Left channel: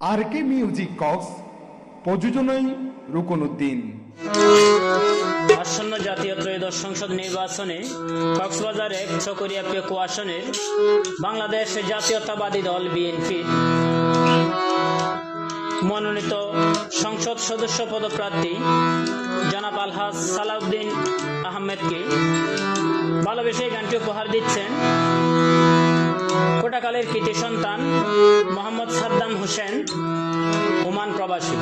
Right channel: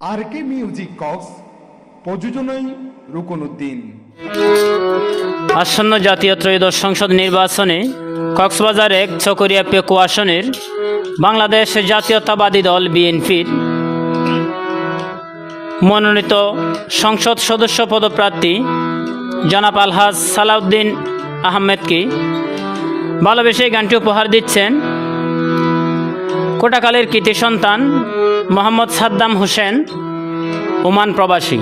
আর কে music Cox, প্রযোজনায় রুকনউদ্দিন। আসন্ন জাতীয় ত্রয়োদশ সংসদ নির্বাচনে কক্সবাজার ১ চকরিয়া পেকু আসনের বাংলাদেশ জাতীয়তাবাদী দল বিএনপির মনোনীত সংসদ সদস্য পদপ্রার্থী জনাব আলহাজ সালাউদ্দিন আহমেদকে ভালোবেসে গানটি উপহার দিচ্ছেন কোটাকালের কৃতি সন্তান মোহাম্মদ সাদ্দাম হোসেন, ওমান প্রবাসী।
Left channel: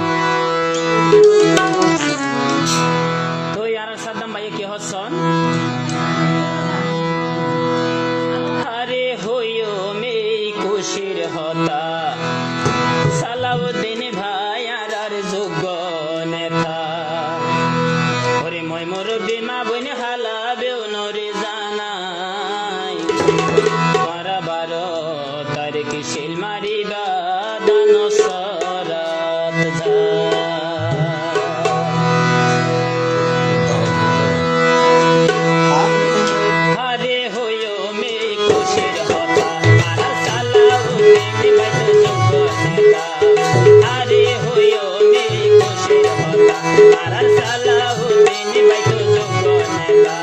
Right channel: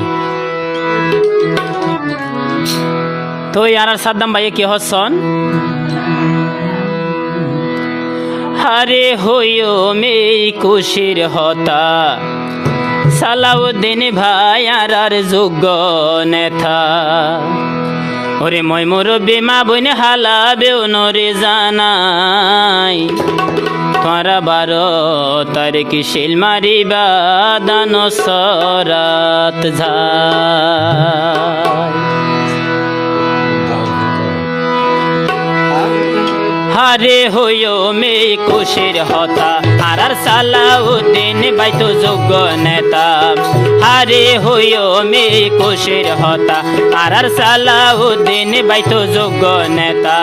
তো আর সাদ্দাম ভাইয়ে কি হচ্ছন? হারে হইও মে খুশির হতা সালাউদ্দিন ভাই আর যোগ্য নেতা। ওরে মই মুরব্বী মা বোন হালা বেউনরে জানাই তোরা 12 তারিখ শিল মারিবা দান সরাত হারে হইও মে খুশির হতা আর সালাউদ্দিন ভাই তো যোগ্য নেতা। হারে হইও মে খুশির হতা আর সালাউদ্দিন ভাই তো যোগ্য নেতা।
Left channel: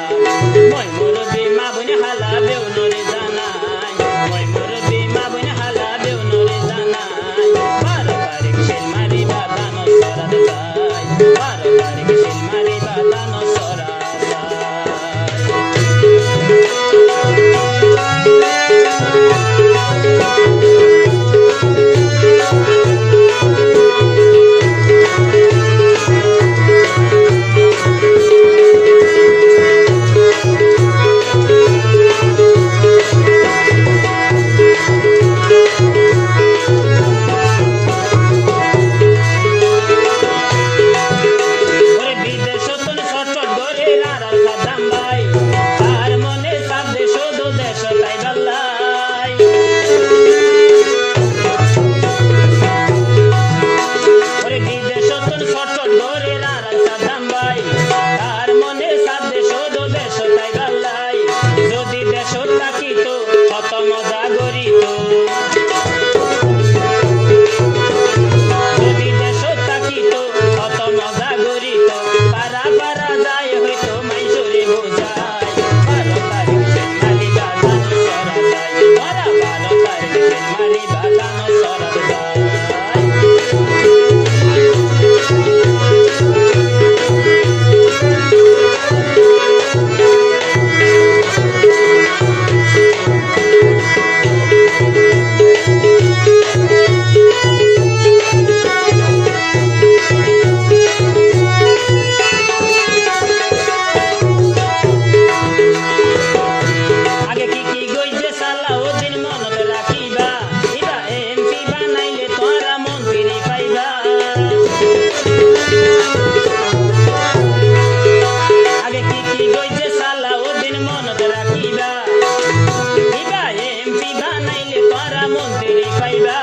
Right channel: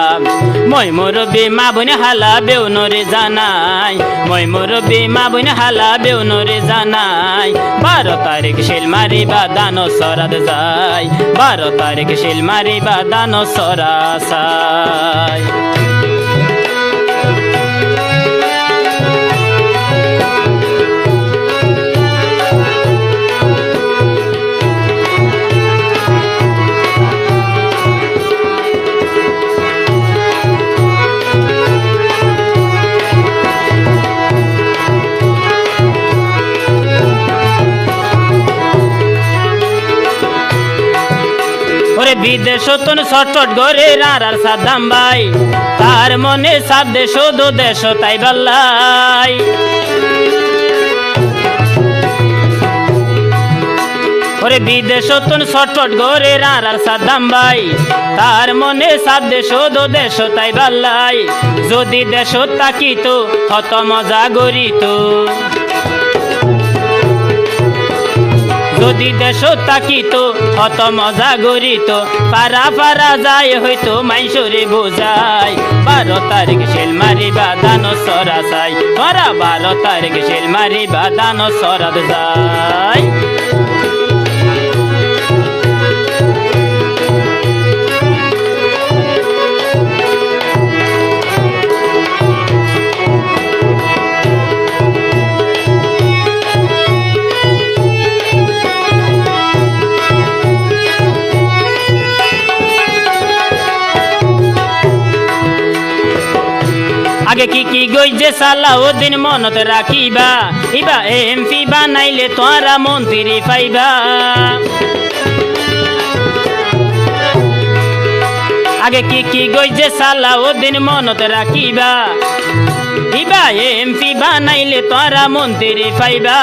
মই মুরব্বী মা বোন হালা বেউনরে জানাই, মই মুরব্বী মা বোন হালা বেউনরে জানাই 12 তারিখ শিল মারিবা দান সরাত যাই, 12 তারিখ শিল মারিবা দান সরাত। বিদেশতন ছটফট করে আর সাদ্দাম ভাই, তার মনে সাত দেশ দো দেশ তাই বাল্লাই। ওরে বিদেশতন ছটফট করে আর সাদ্দাম ভাই, তার মনে সাত দেশ দো দেশ তাই বাল্লাই। যদি দেশ তাকিত কত মজা গরিত, যদি দেশ তাকিত কত মজা গরিত। পারা পারা যায় হয়তো মাইসরে বোঝাই 12 তারিখ শিল মারিবা দান সরা যাই, 12 তারিখ শিল মারিবা দান সরা যাই। আগে কি গইছে সালাউদ্দিন মনত রাখিবা, ইবা এমপি বানাইলে তোরা মন্ত্রী পাইবা। আগে কি গইছে সালাউদ্দিন মনত রাখিবা, ইবা এমপি বানাইলে তোরা মন্ত্রী পাইবা।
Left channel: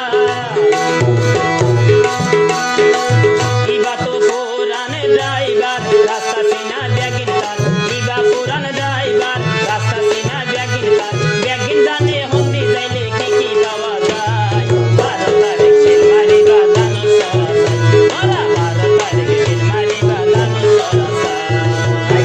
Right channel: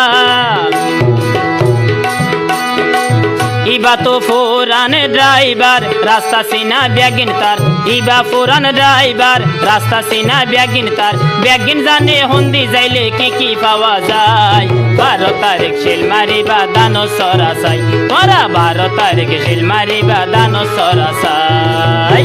ইবা তো ফোরান ড্রাইভার রাস্তা সিনা ব্যাগিন তার, ইবা ফোরান ড্রাইভার রাস্তা সিনা ব্যাগিন তার। ব্যাগিন জানে হন্দি যাইলে কি পাওয়া যায় 12 তারিখ শিল মারিবা দান সরা যাই, তোরা 12 তারিখ শিল মারিবা দান সরা যাই।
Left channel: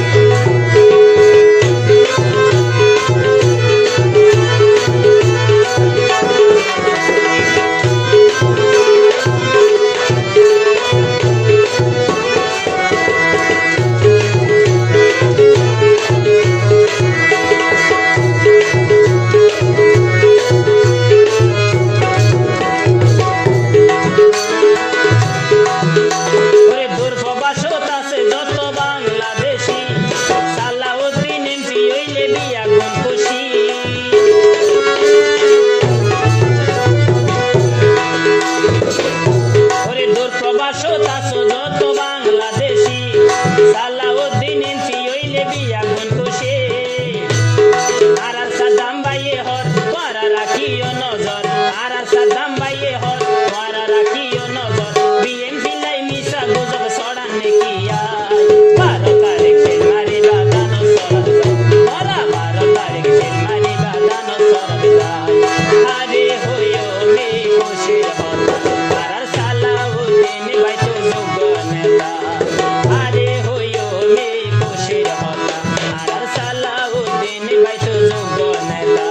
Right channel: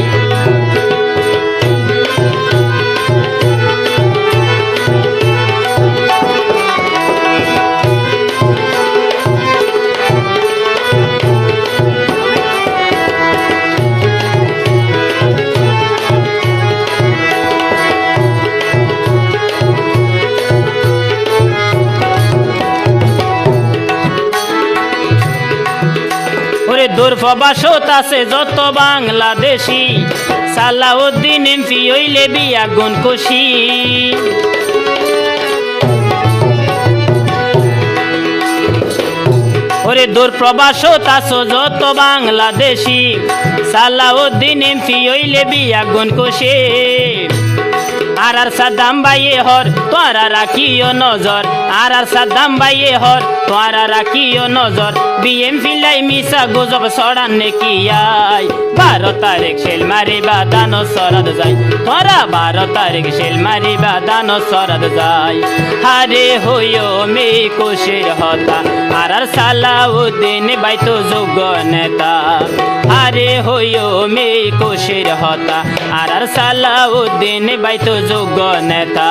প্রবাসত আছে যত বাংলাদেশি, সালাউদ্দিন এমপি হইলে বিয়া গুণ খুশি। ওরে দূর প্রবাসত আছো যত বাংলাদেশি, সালাউদ্দিন এমপি হইলে বিয়া গুণ খুশি। আর সাদ্দাম ভাইয়ে হর তোরা রাখিও নজর, আর সাদ্দাম ভাইয়ে হর তোরা রাখিও নজর। বিএমপি লাই মিশা গুজব ছড়ান নাকি আই 12 তারিখ শিল মারিবা দান সরাত যাই, তোরা 12 তারিখ শিল মারিবা দান সরাত যাই। হারে হইও মে খুশির হতা আর সালাউদ্দিন বাইতো যোগ্য নেতা আরে হইও মে কোশের হতা আর সালাউদ্দিন বাইতো যোগ্য নেতা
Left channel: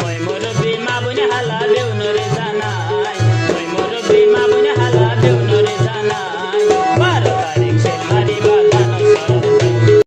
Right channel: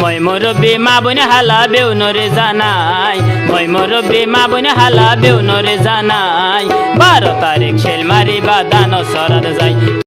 মই মুরব্বী মা বোন হালা বেউনরে জানাই মই মুরব্বী মা বোন হালা বেউনরে জানাই 12 তারিখ শেলমারি বাদ